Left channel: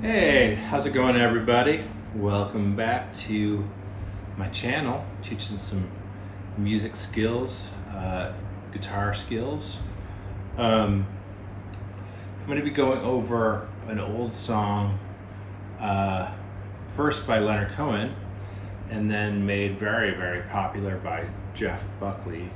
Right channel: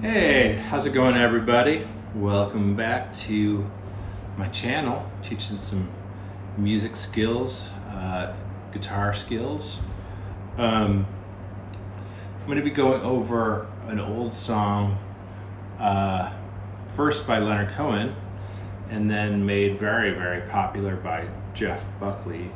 Hey, how's it going, everybody? Welcome back to my channel, teaching some music skills, guitar skills. I'm going to be going over an old song, first by Leonard Cohen, and then made very, very popular by Jeff Buckley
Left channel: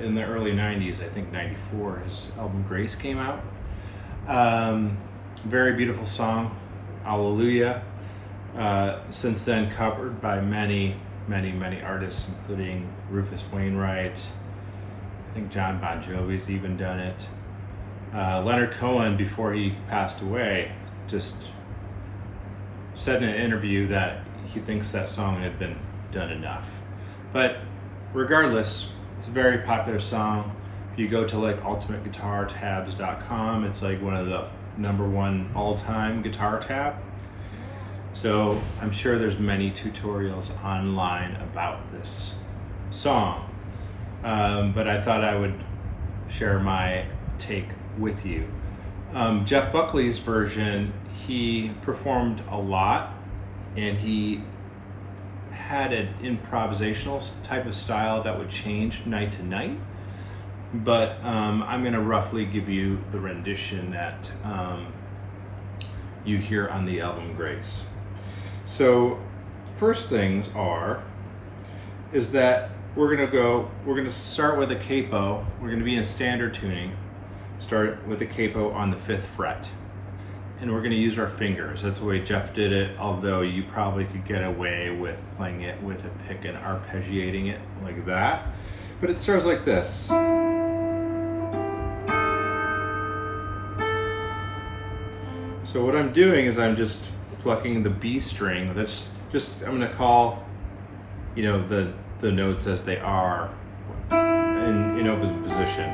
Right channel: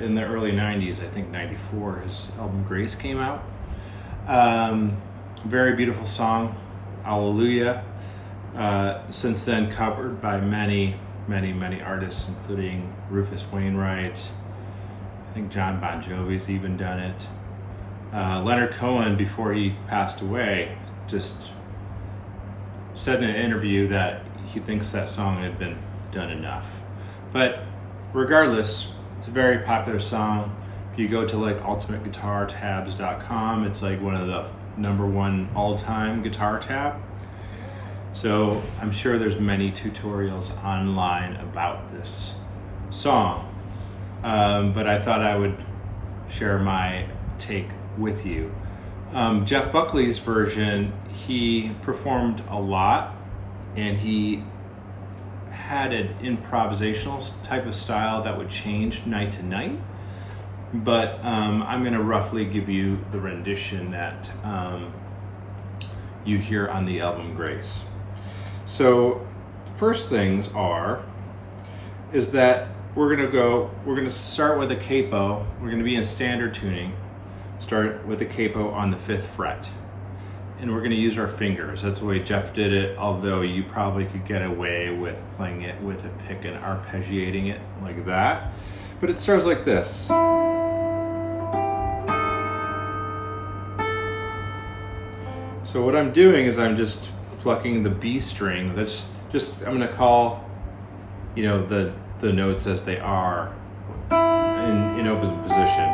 in the early 90s. I think 94, his album Grace came out. Very beautiful song, Hallelujah. Since then covered by many artists, including Rufus Wainwright. I think John Bon Jovi's even done it. Leonard Cohen, before he passed away, just said in an interview that he thinks that song had been done enough. But regardless, it's a very popular song. If you go to like ultimateguitartabs.com, it's like one of the #1 all-time guitar tab. So I'm sure there's many tutorials online about this song, but I thought I would share my take with you. Jeff Buckley's version, he performed a lot, and he had an improvisational type of style that would change night to night. But I'm going to roughly give you the rendition that you hear on the album Grace. So first things is that we're going to start with a capo. We're going to be in standard tuning. Start with a capo on the 5th fret. And we're going to use our fingers. That's the way Jeff did it, although you probably could get away with playing it with a pick and arpeggiating it like that. But it starts like this. So what I'm doing is I'm just plucking the B string. That's just, I'm going to call, the notes as they are in open position.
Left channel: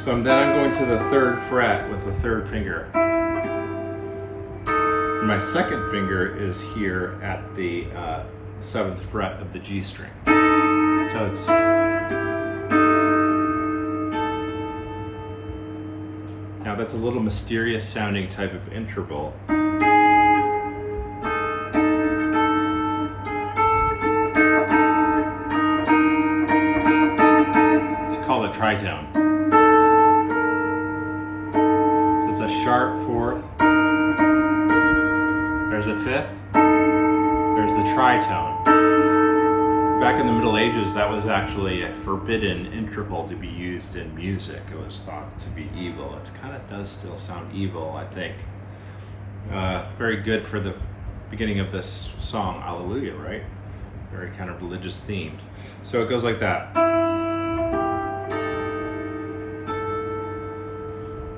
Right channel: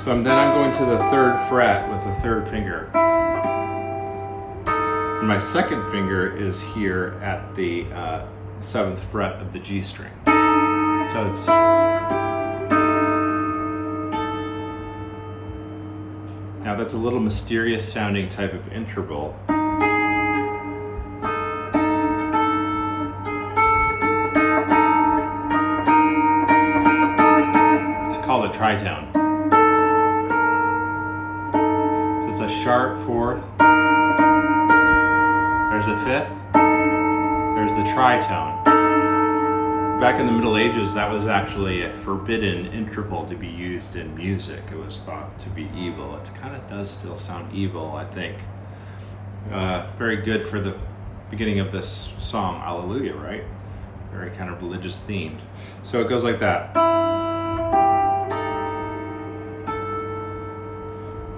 So I'm going to the 3rd fret with the 3rd finger. And my 2nd finger is here at the 7th fret of the G string. So it's now that's a little mysterious sounding type of interval. It's called a tritone. So it's a sharp 4th, there's a 5th, there's the tritone. Back in the Middle Ages, that was actually a forbidden interval to be used in music. It was thought to be evil. It kind of does still sound evil, I think. Very good for the beginning of this song, Hallelujah, right? Very kind of religious themed. So it goes like that.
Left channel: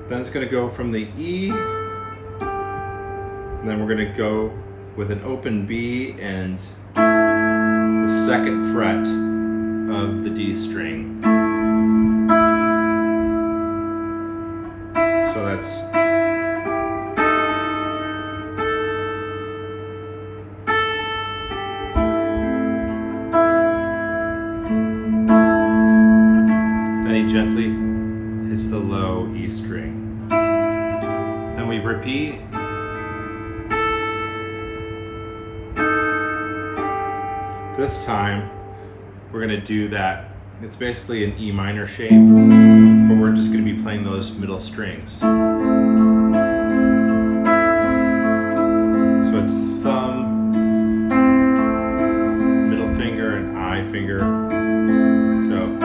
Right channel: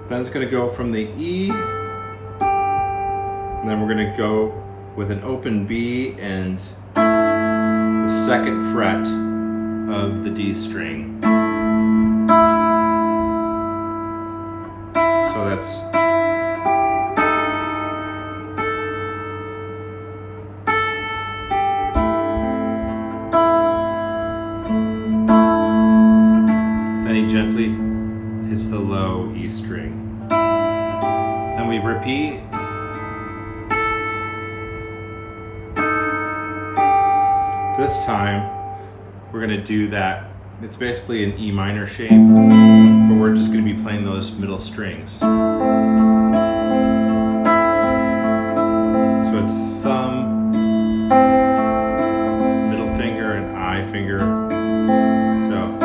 Then it's going to go from the E, and then we're going to go with an open B and the 2nd fret of the D string. So that's then he gently hits the low E string. Then we repeat. This time, we're going to do that. It's basically an E minor shape, but we're just going to be playing those middle strings. So it's thumb, middle finger, and I finger. So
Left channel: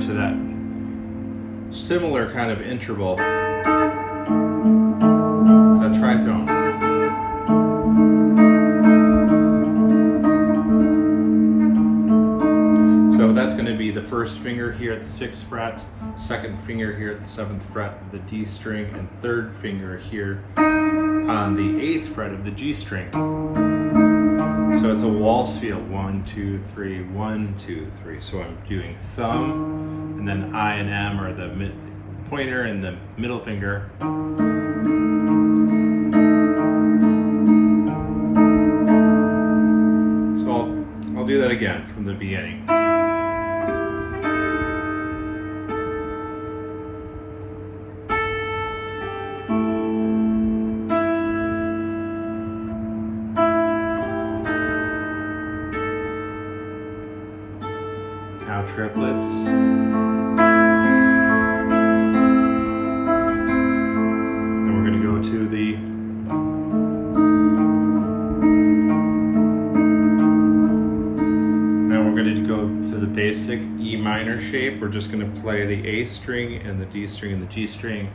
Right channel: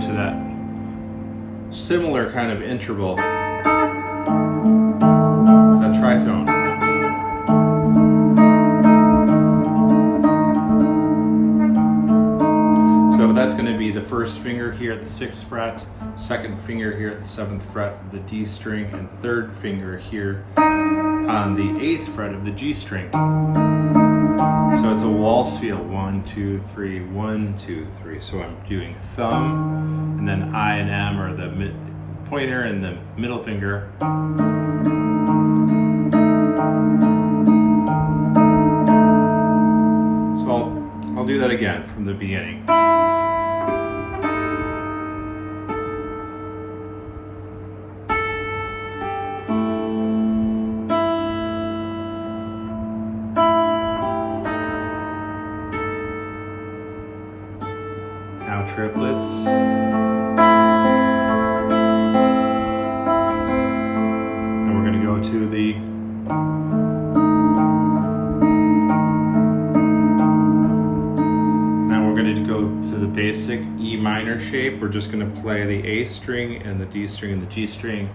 to that similar kind of interval, that tritone. So that's going to be the 1st finger here at the 6th fret, 2nd finger here at the 7th fret of the D string, and 3rd finger here on the 8th fret of the G string. So it's a waltz feel, 1, 2, 3, 1, 2, 3. So I'm doing thumb, and then I and M are the pointer and the middle finger. So I'll do that again from the beginning. Now triplets. And we're going to go to the basic E minor shape. We're just going to play the A string and the D string and the G string.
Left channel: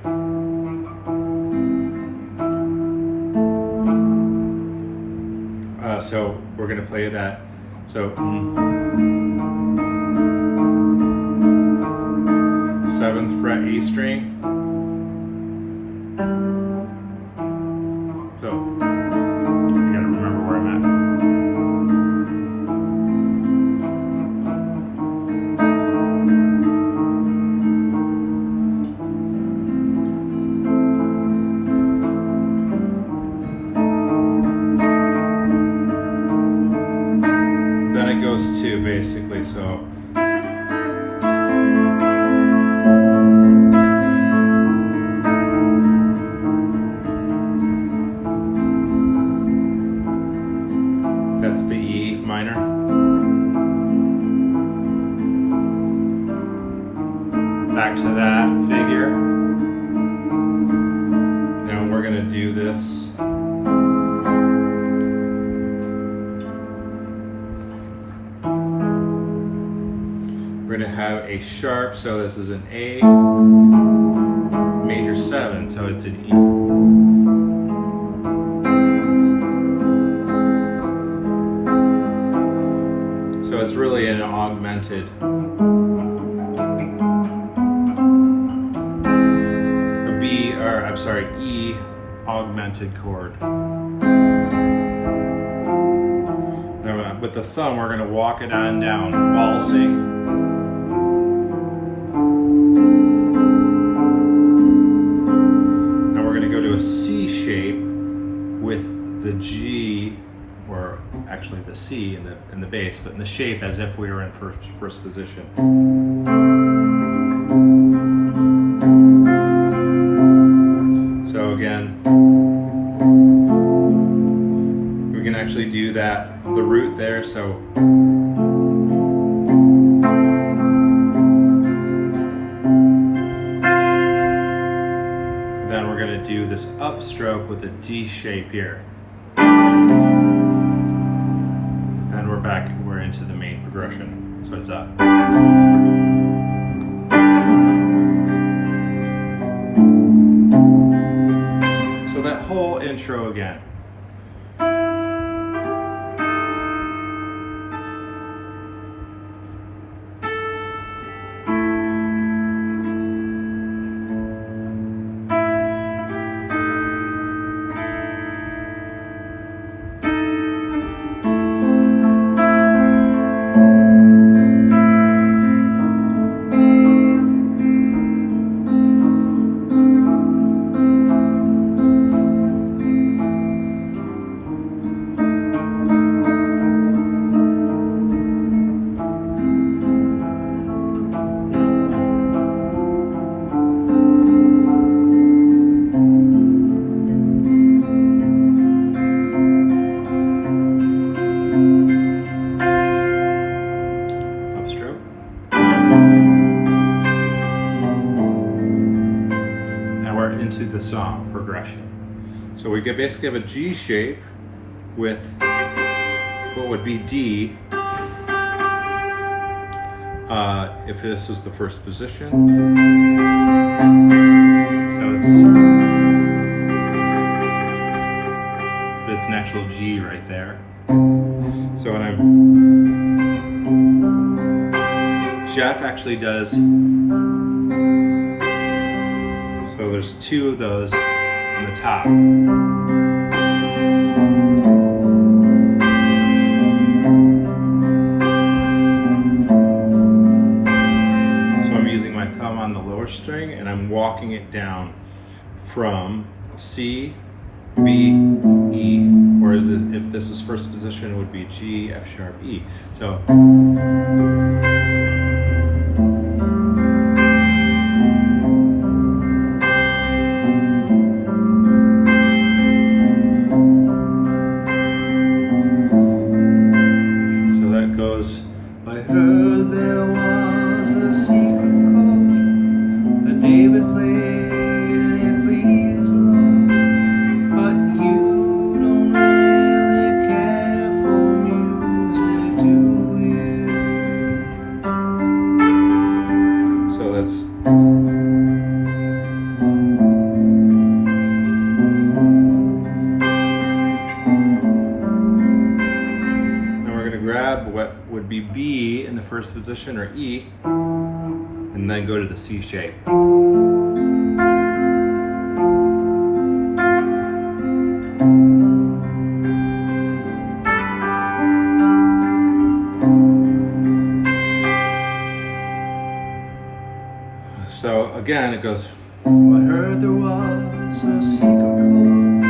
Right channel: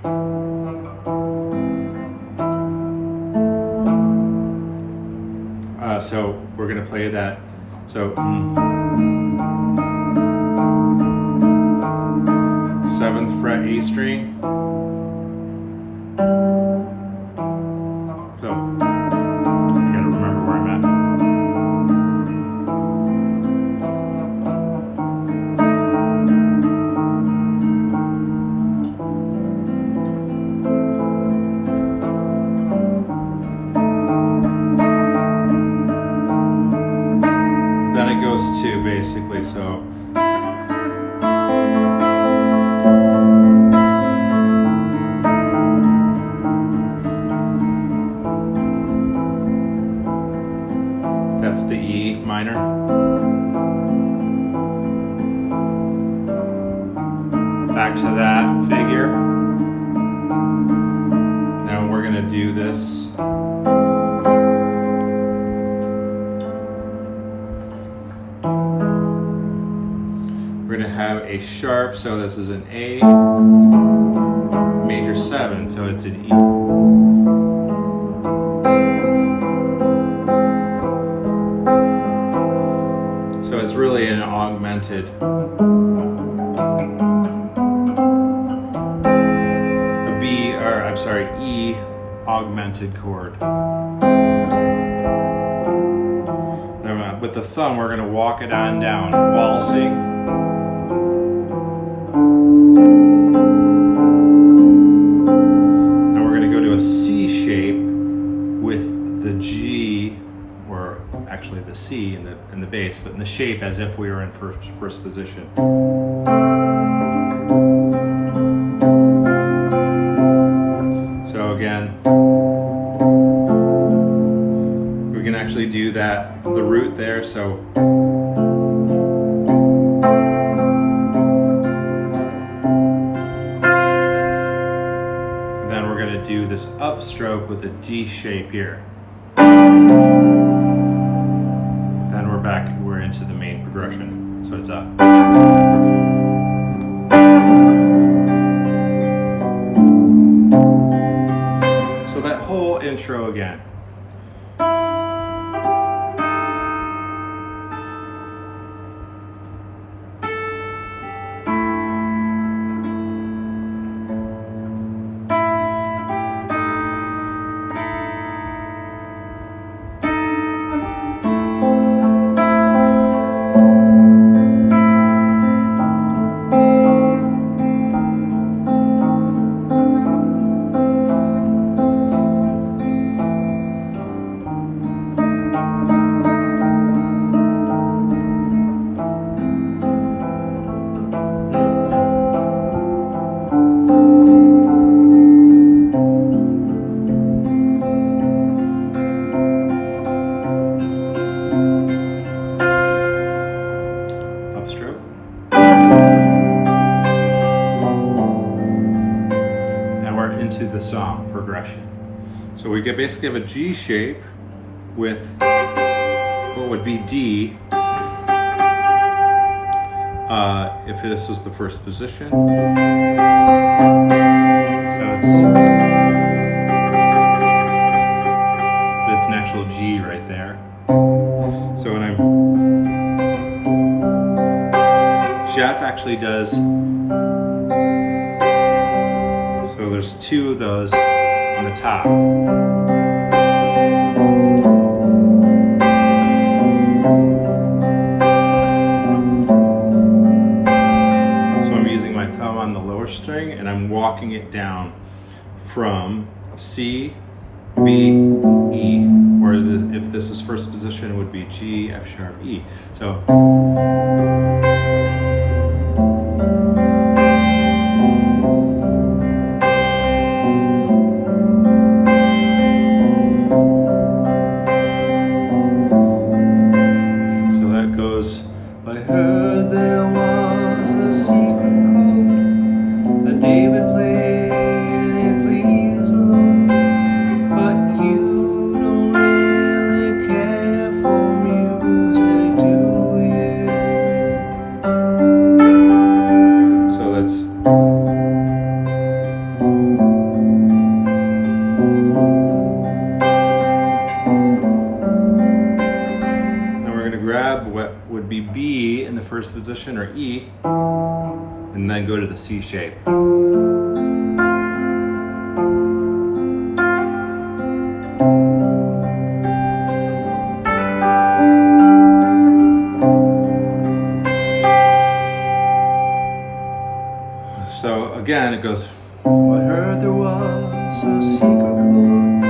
So we're going to play that. So 7th fret A string. So I got to remember where I'm at. Then it goes to basically, so that's the E minor. Back to that figure. Now we're going to do this. We're going to have a sharp, so this is an A major 7, so it's an E. So it's really an augmented E augmented chord. Now with the thumb, we're going to walk it on down, waltzing. Now we're going to go to a C shape with the G, or actually the C in the bass, but in the shape as if we were in first position. So again, we can actually do that, the root there, so and then we're going to do this upstroke with a D shape here. Then we're into the main progression. So it's up. So that whole intro again. Into the song progression. So we basically have a G shape with what would be D if this was the first position. So it's an actual G right there. So when Jeff actually does. So there's two of those on the top. 4th string, and I'm walking it down from C, B, E, or if this is first position, it would be G, F sharp, E. So that goes, I heard there was a secret chord that David played and it pleased the Lord, but you don't really care for music, do you? So that's grab what would be B in the first position, or E, and then go to the C shape. So again, it goes, well, I heard there was a secret chord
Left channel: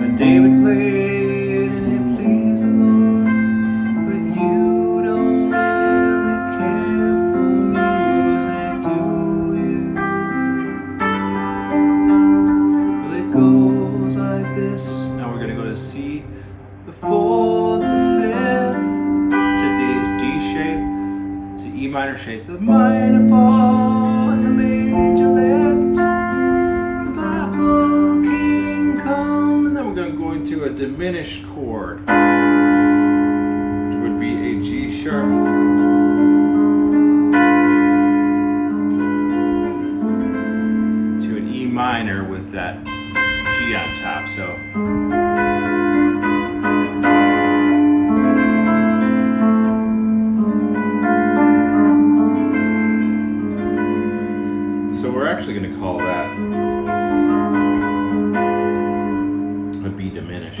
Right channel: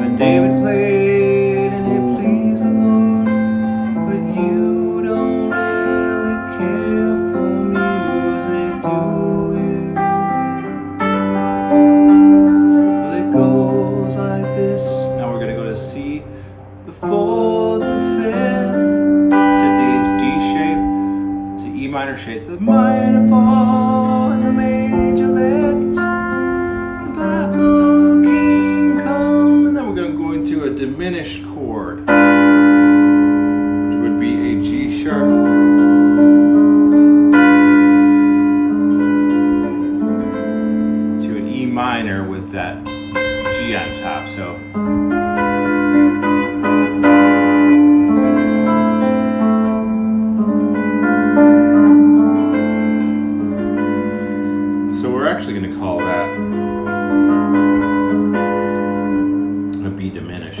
that David played and it pleased the Lord, but you don't really care for music, do you? Well, it goes like this. Now we're going to go to C, the 4th, the 5th, to D shape, to E minor shape, the minor fall, and the major lift, the Bible King come, and then we're going to go into a diminished chord, which would be a G sharp, to an E minor with that G on top. So we're actually going to call that a B diminished.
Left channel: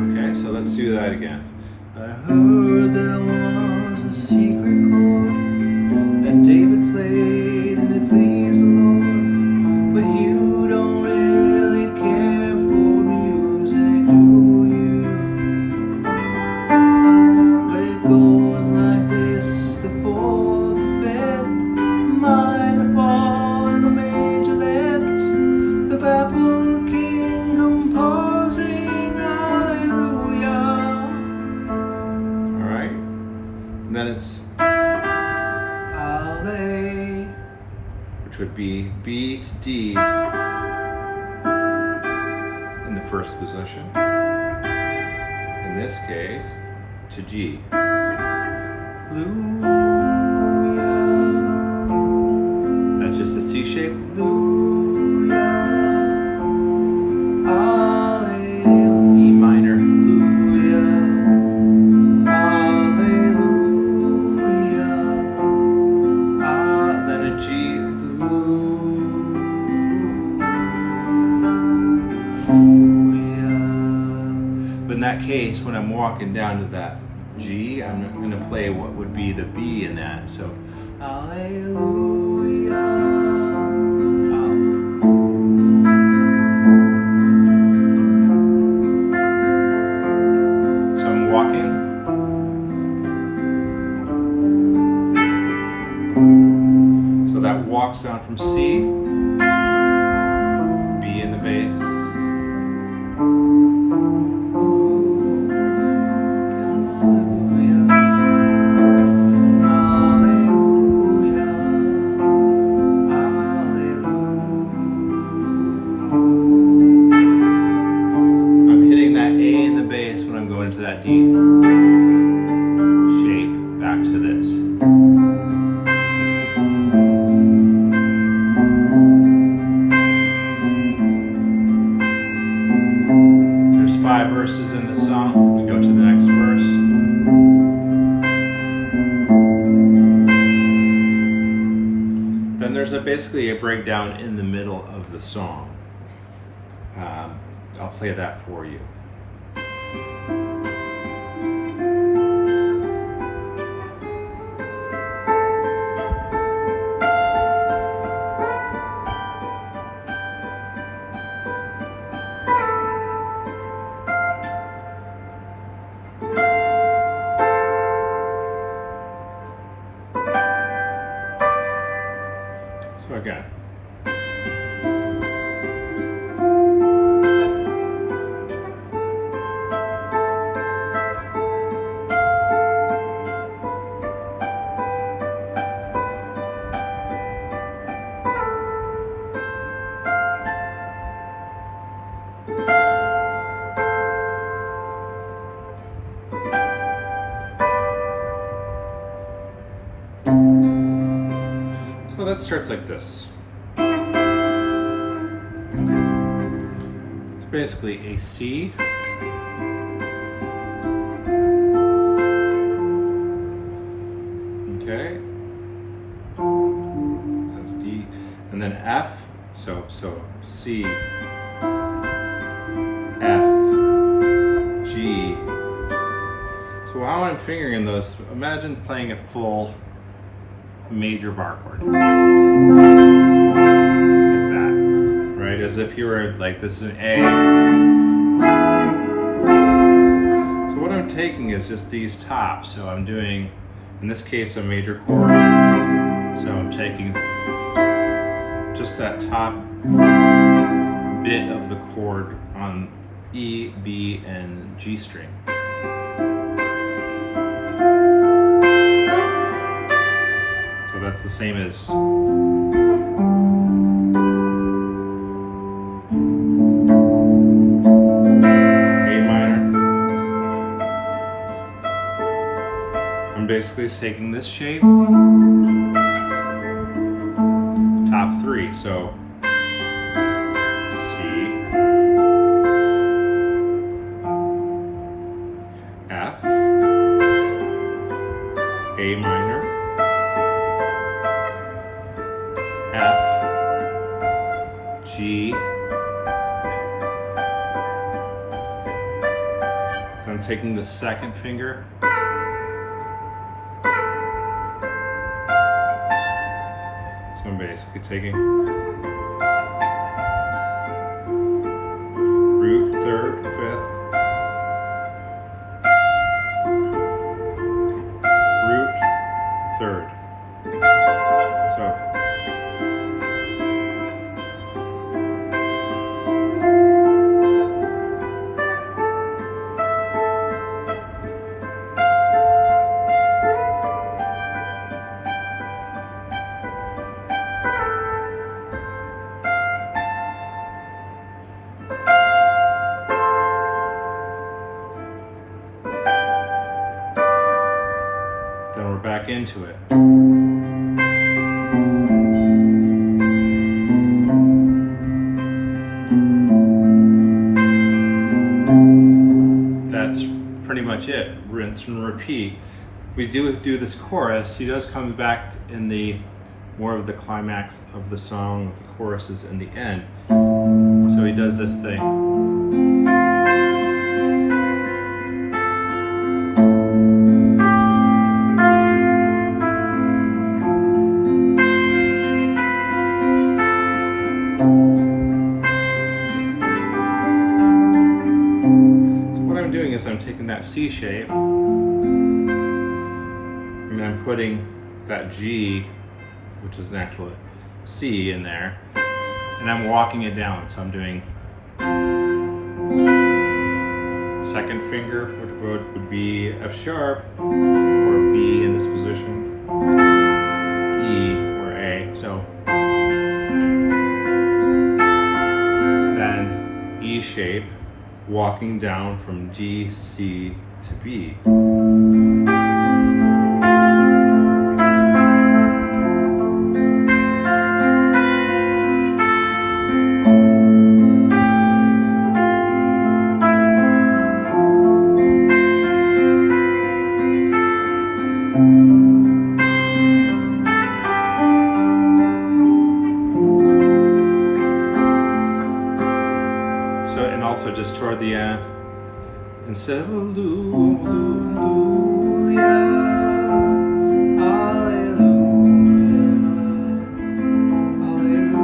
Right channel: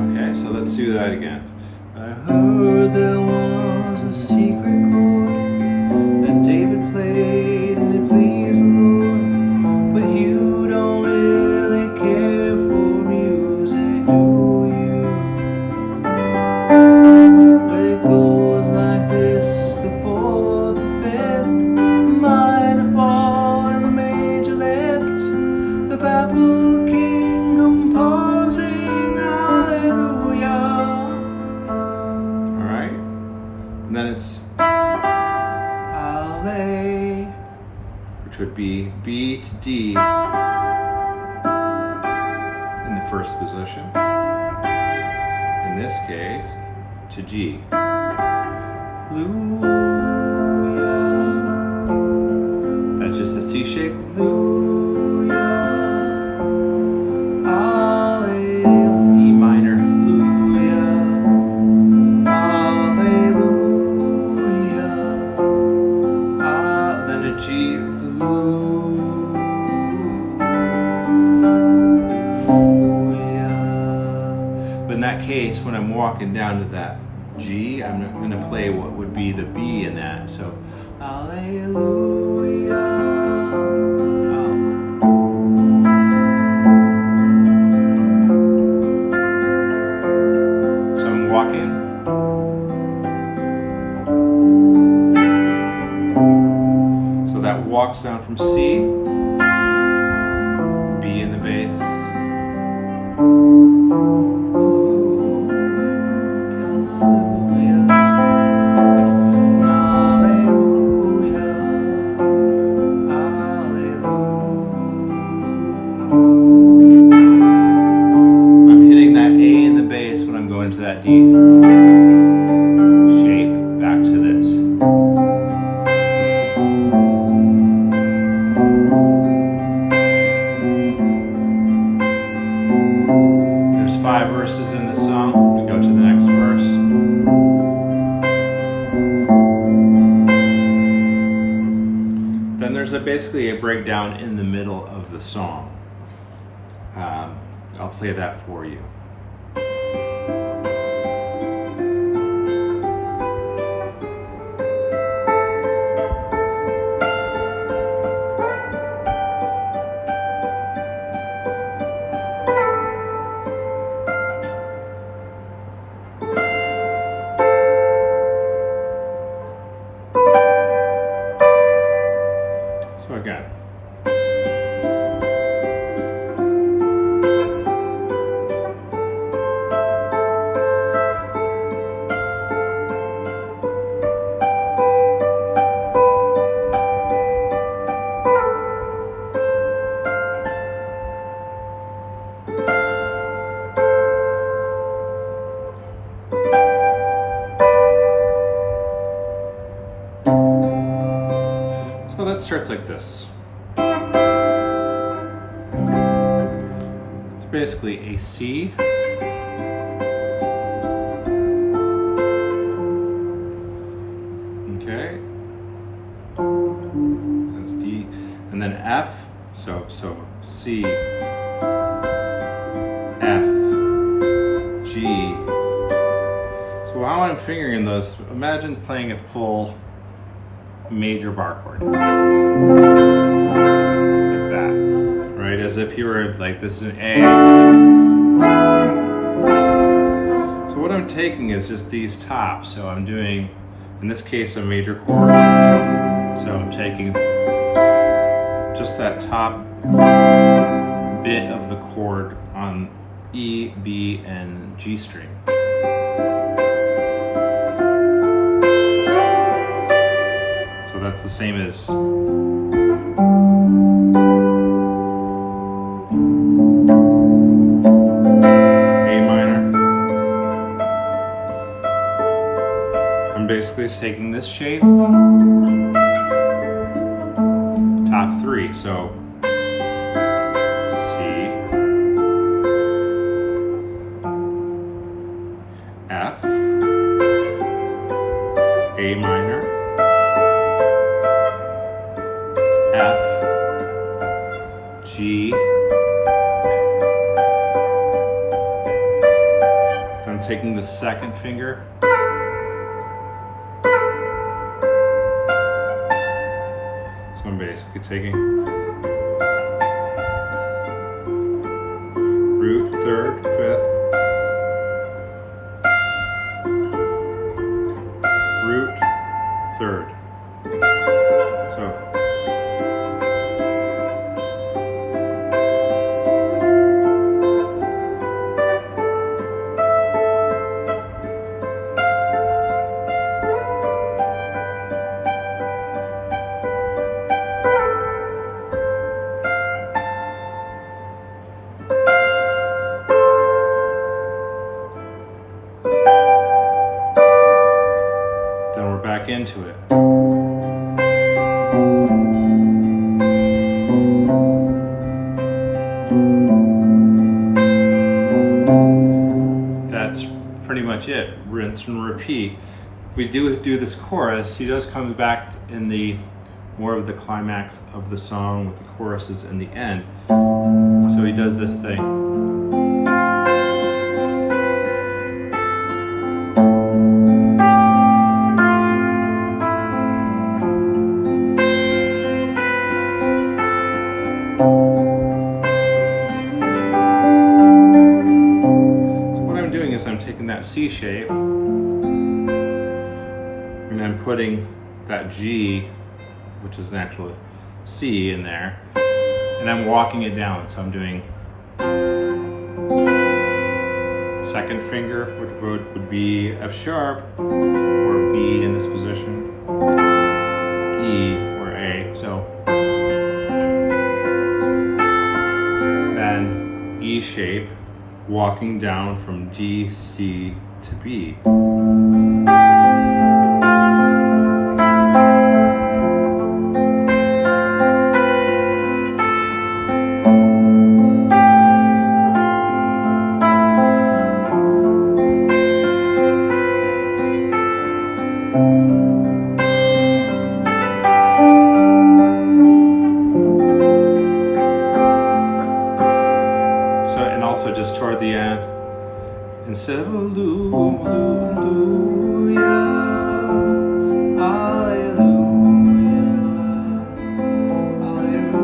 Okay, so let's do that again. I heard there was a secret chord that David played and it pleased the Lord, but you don't really care for music, do you? But it goes like this, the 4th, the 5th, minor fall, and the major lift, the Bible King composing, hallelujah. Alright, and then it's Hallelujah, which would be B to D in the first position. In this case, to G. Hallelujah. That's just the C shape. Hallelujah. Hallelujah. E minor. Hallelujah. Hallelujah. Then a G. Hallelujah. But in that case, when I'm walking down to that G, I'm going to play what would be the B in that. So, hallelujah. So I'm walking. So that walks down from C, B in the bass. Into that D shape, back to this. There's 5 verses in the song. We go to the next verse. Then there's basically a breakdown in the middle of the song. I'll play that for you. again. So that starts like this. It's basically a C, okay, so that's D, and then F, so C, F, G. So while I'm fingering those, imagine playing a full major bar chord. Like that, right? As if you were like, this is an A. So what I'm taking is just these tops. So I'm doing, in this case, a major chord. So I'm taking just that top bit of the chord on E, B, and G string. So that's the same as A minor. I'm basically taking this shape, top three, so C, F, A minor, F, G. So I'm taking the second finger. So I'm basically taking root, third, fifth, root, third. So then we're back into it. That's pretty much it. Rinse and repeat. We do this chorus. He does come back in the more of the climax of the song with the choruses in the end. So he does this thing. I'm taking that C shape and I'm putting that G, which is an actual C, in there, and I'm walking it down. So I'm doing second finger, which would be F sharp or B in this position, E or A. So then E shape, walking down from D, C to B. So, and also just toward the end, instead of hallelujah, hallelujah, hallelujah.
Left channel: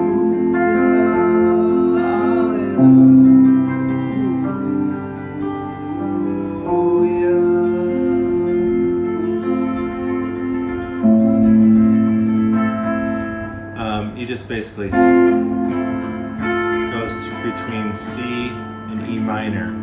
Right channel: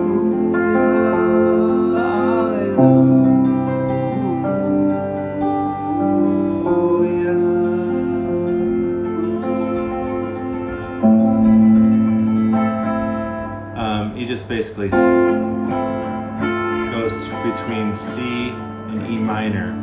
You just basically goes between C and E minor.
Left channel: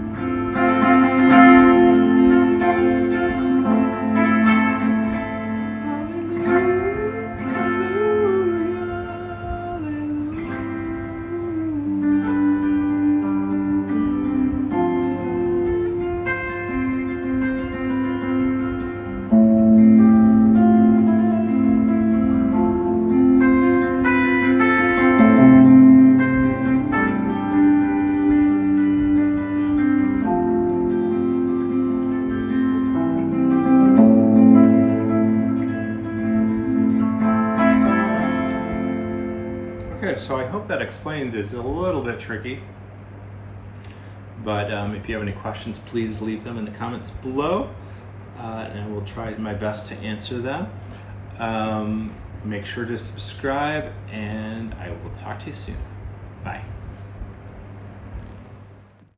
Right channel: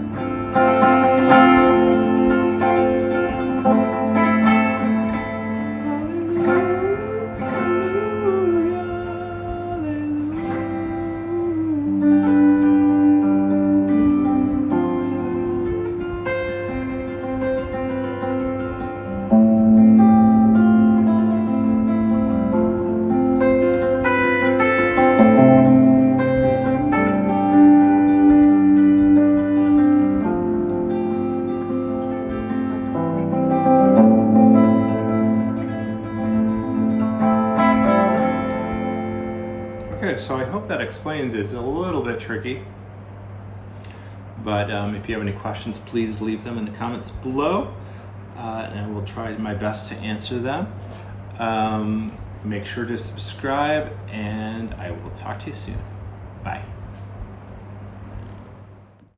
Okay, so I hope that explains it. It's a little bit tricky, but if you have any questions, please leave them in the comments below, and I will try my best to answer them. Make sure to subscribe, and I will talk to you soon. Bye.